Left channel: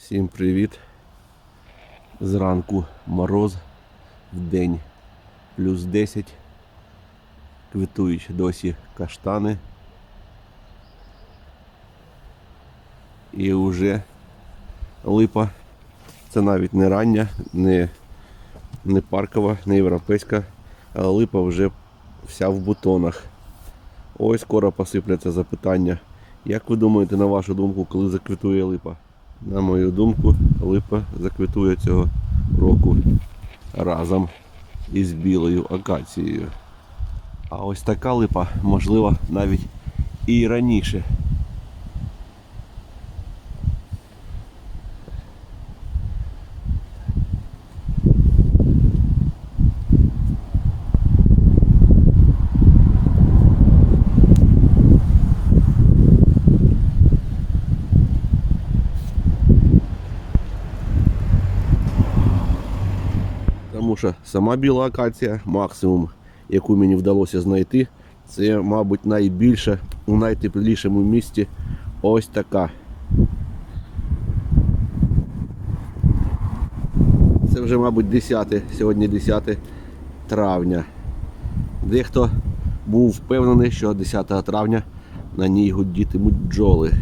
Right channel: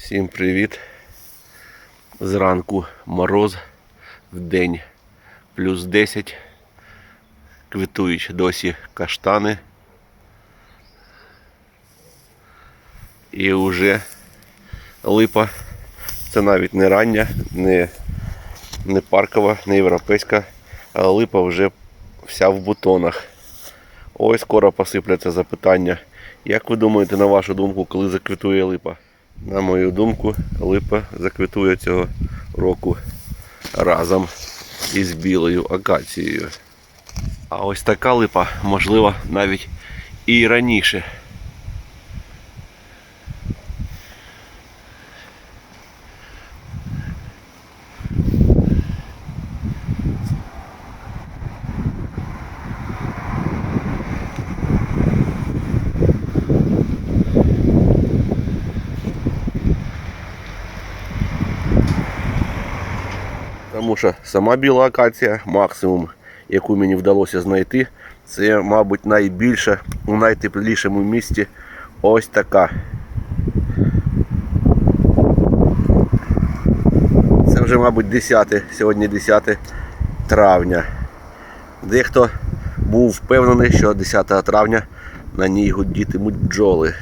Всім привіт. Зранку мороз, в день плюс 10. Квітують досі каштани. І вже липа. Це навіть не рання, не, не паркова, не європейська, а липа вже вся в бутонах. Ось скоро посипляться запитання. Як ви думаєте, на вашу думку, коли заквітує липа? На мою думку, липа заквітує цього року разом із білою акацією. А ось така липа, можлива навіть і раніше. Тому що сама біла акація, максимум, яку мені вдалося знайти, це, мабуть, найбільша у найтеплішому місті ось така. Це вже, мабуть, 10, сьогодні 10 травня. Дехто був впевнений, що 10 травня на ній гудітимуть бджоли.